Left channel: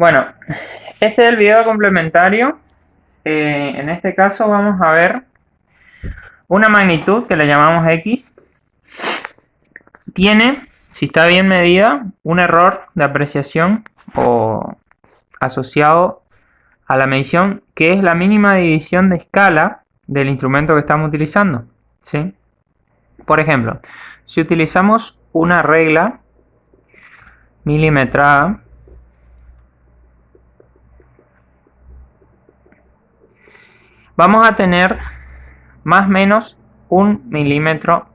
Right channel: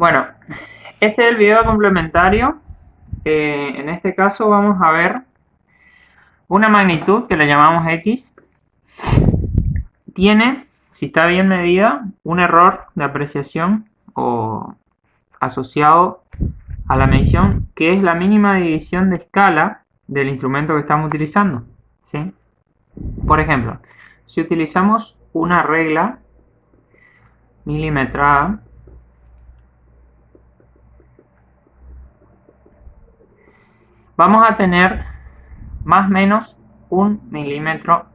Bueno, este es el video complementario. En este caso vamos a ver una magnitud que le llamamos X. Tiene, si está bien medida, un error de apreciación o asociado a la medición, que es la mínima división de escala del instrumento que estamos utilizando, ¿sí? Por ejemplo, si utilizamos una regla milimetrada, vamos a tener más o menos 1 milímetro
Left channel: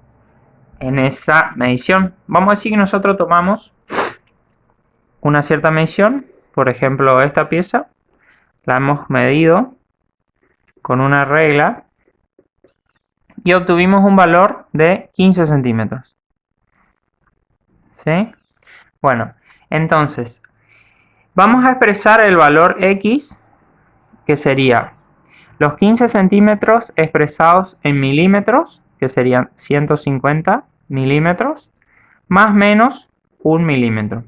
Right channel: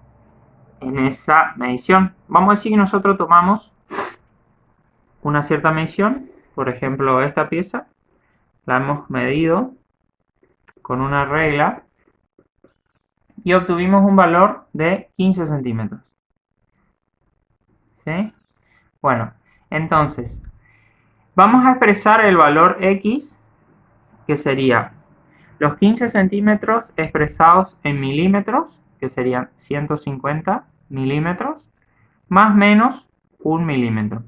en esa medición. Vamos a decir que nosotros tomamos una cierta medición, por ejemplo esta pieza, la hemos medido con una regla y obtuvimos un valor de 15 centímetros. ¿Sí? Bueno, entonces vamos a expresar el valor X, que sería los 15 centímetros expresados en milímetros, que serían 150 milímetros, más o menos 1 milímetro.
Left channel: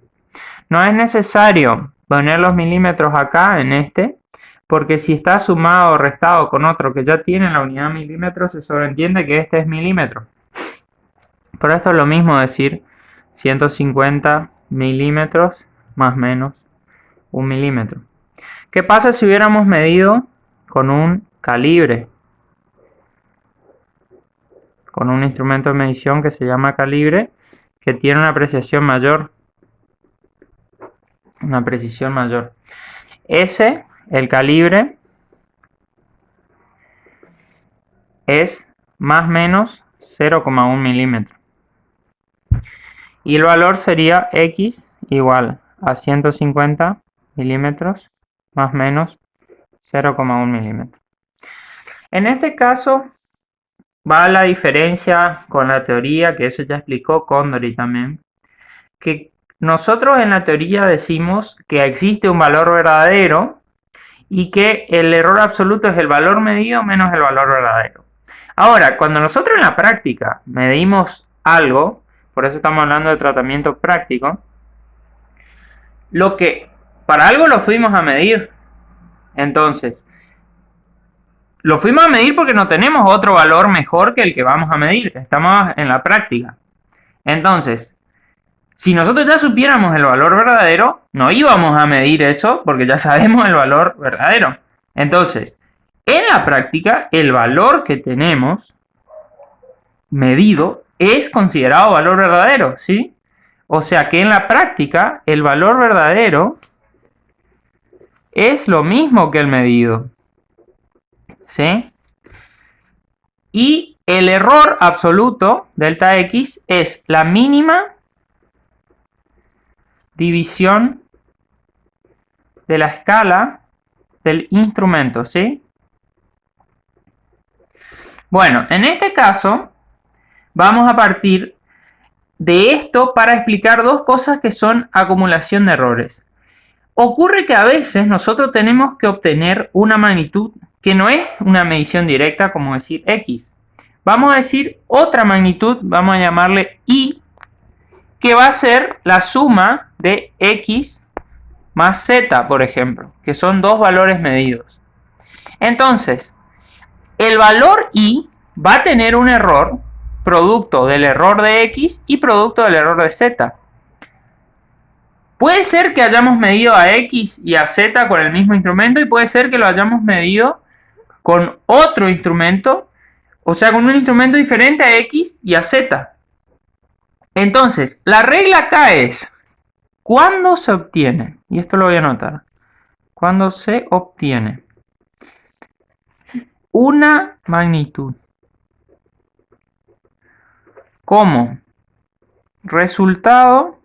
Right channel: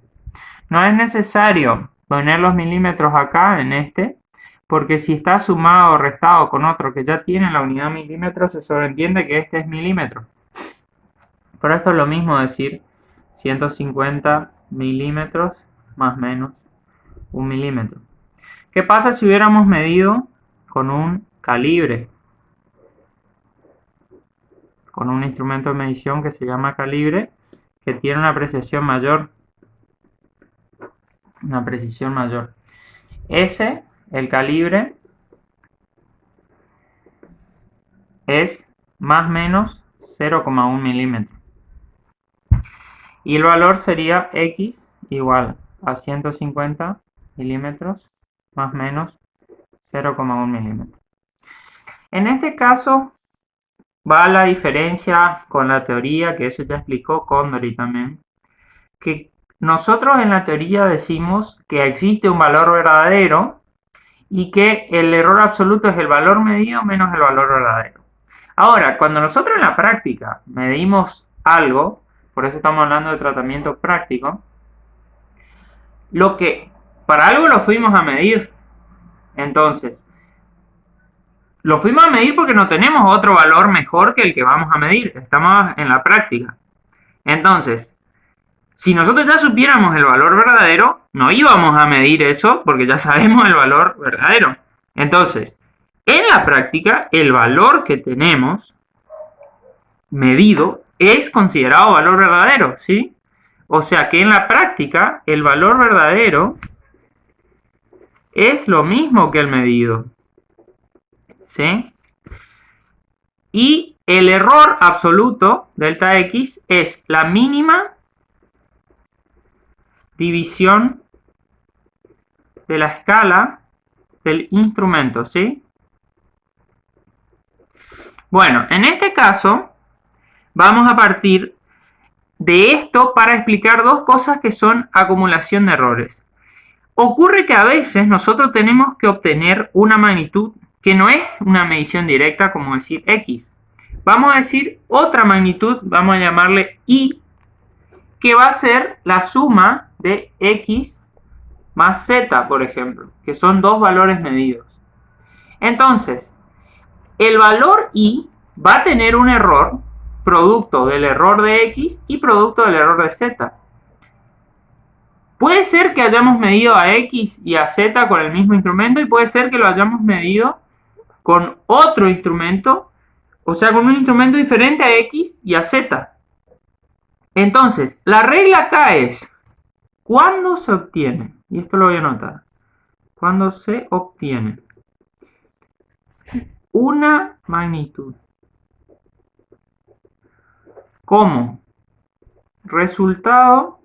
No es necesario poner los milímetros acá en este, porque si está sumado o restado con otro que ya tiene la unidad milímetros, se sobreentiende que este es milímetro. Por esto es lo mismo decir 150 milímetros más o menos 1 milímetro. ¿Qué pasa si hubiéramos medido con un calibre? Con un instrumento de medición que se llama calibre, que tiene una precisión mayor. El calibre, es más o menos 0,1 milímetro. Y el valor sería X igual a 150 milímetros más o menos 0,1 milímetro. En este caso va la diferencia con la teoría, que eso ya explicó Condori también, que nosotros en la teoría decimos que existe un valor verdadero y que el error absoluto es el valor medido menos el valor verdadero. Ahora, cuando nosotros en la práctica medimos algo, por eso estamos hablando de tratamiento práctico, para algo lo fuimos a medir. Entonces, lo fuimos a medir porque no tenemos otro valor mejor que el que vamos a medir. Estamos en la práctica. Entonces, si nosotros ya supiéramos el valor verdadero, no íbamos a medir eso porque ya sabemos el valor verdadero. Entonces, en la práctica, el valor que tenemos medido es considerado valor verdadero, ¿sí? O sea que en la práctica, el valor verdadero es lo mismo que el medido, ¿sí? Y el error absoluto, delta X, es la mínima división de la escala del instrumento, ¿sí? Bueno, en este caso vamos a partir de esto para explicar dos cosas que son acumulación de errores. Ocurre que a veces nosotros tenemos que obtener una magnitud que no es una medición directa, como decir X. Vamos a decir otra magnitud, vamos a llamarle Y, que va a ser la suma de X más Z, por ejemplo, que son dos valores medidos. Entonces, el valor Y va a tener un error producto del error de X y producto del error de Z. Puede ser que hayamos medido a X y a Z con el mismo instrumento y puede ser que lo hayamos medido con otro instrumento, o sea, con un instrumento diferente a X y a Z. Entonces, la regla acá es, ¿cuándo se obtiene? Y esto lo voy a anotar. Cuando se obtiene una magnitud como resultado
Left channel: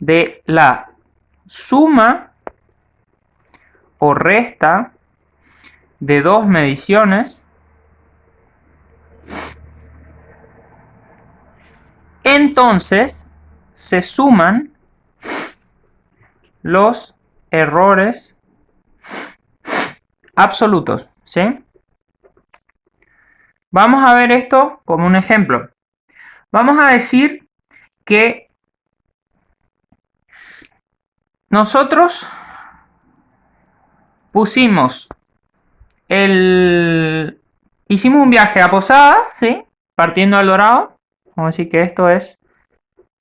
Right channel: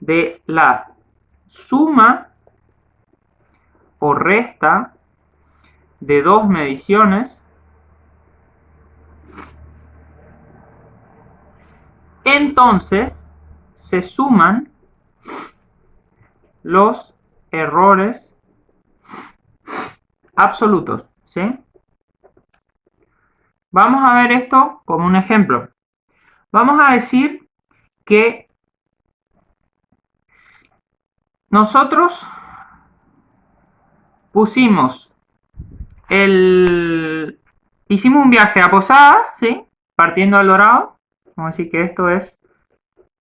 de la suma o resta de dos mediciones, entonces se suman los errores absolutos, ¿sí? Vamos a ver esto como un ejemplo. Vamos a decir que nosotros hicimos un viaje a Posadas, ¿sí? Partiendo del Dorado. Vamos a decir que esto es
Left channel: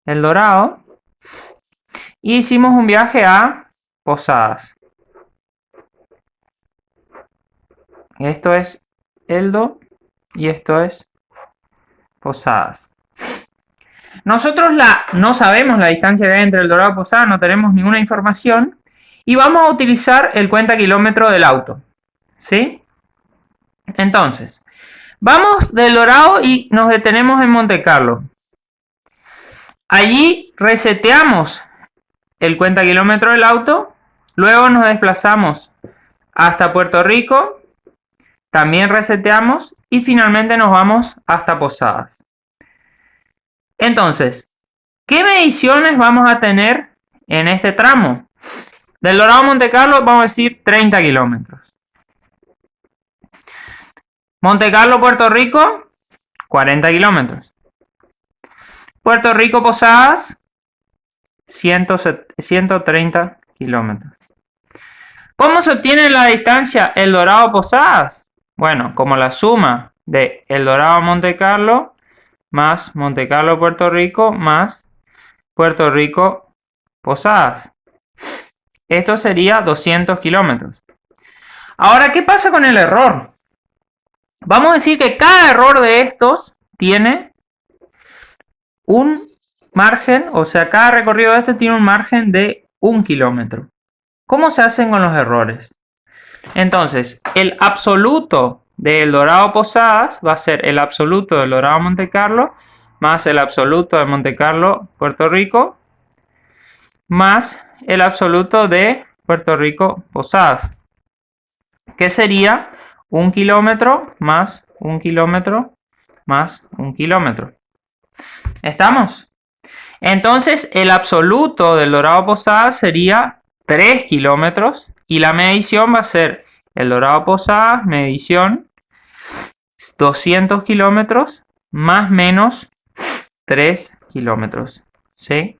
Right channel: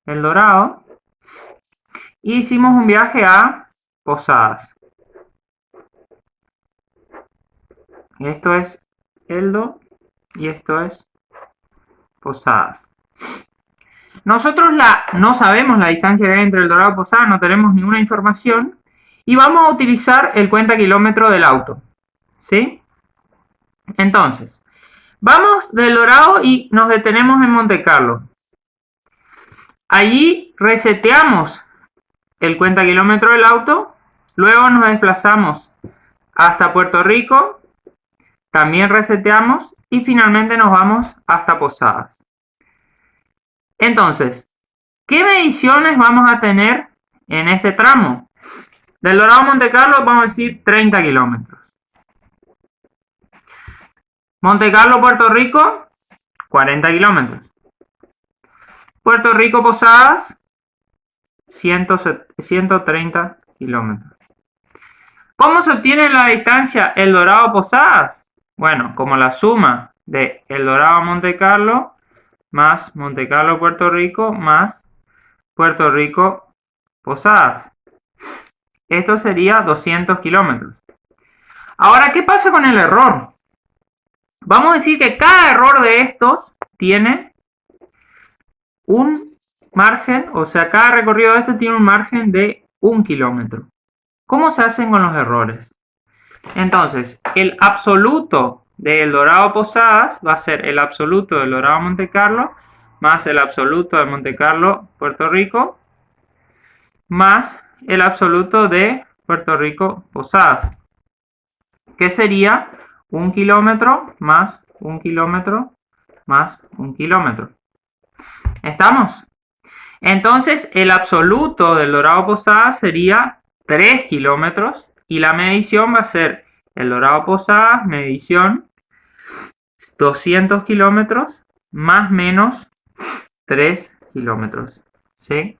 el Dorado. Y hicimos un viaje a Posadas. Esto es Eldo y esto es Posadas. Nosotros no sabemos la distancia que hay entre el Dorado y Posadas, no tenemos ninguna información. Y vamos a utilizar el cuenta kilómetro del auto, ¿sí? Entonces, vamos del Dorado y nos detenemos en Monte Carlo. Allí reseteamos el cuenta kilómetro del auto. Luego nos desplazamos hasta Puerto Rico. También reseteamos y finalmente nos vamos hasta Posadas. Entonces, ¿qué mediciones vamos a tener en este tramo? Del Dorado a Monte Carlo vamos a decir 30 kilómetros. Monte Carlo, Puerto Rico, 40 kilómetros. Puerto Rico, Posadas, 130 kilómetros. ¿Cómo se obtiene la distancia El Dorado a Posadas? Bueno, como la suma de El Dorado a Monte Carlo más Monte Carlo, Puerto Rico más Puerto Rico, Posadas. Esto sería 200 kilómetros. Ahora, ¿qué pasa con el error? Vamos a decir que cada error de estos tiene un margen, o sea, cada recorrido de este tiene un margen de 1 kilómetro. ¿Cómo se hacen con los errores? Entonces, el absoluto de El Dorado a Posadas va a ser el absoluto del Dorado a Monte Carlo más el absoluto de Monte Carlo, Puerto Rico, más el absoluto de Puerto Rico, Posadas, que sería 1 kilómetro más 1 kilómetro más 1 kilómetro. ¿Estamos? Entonces, el absoluto del Dorado a Posadas sería 3 kilómetros y la medición va a ser El Dorado a Posadas, medición 200 kilómetros más menos 3 kilómetros. ¿Sí?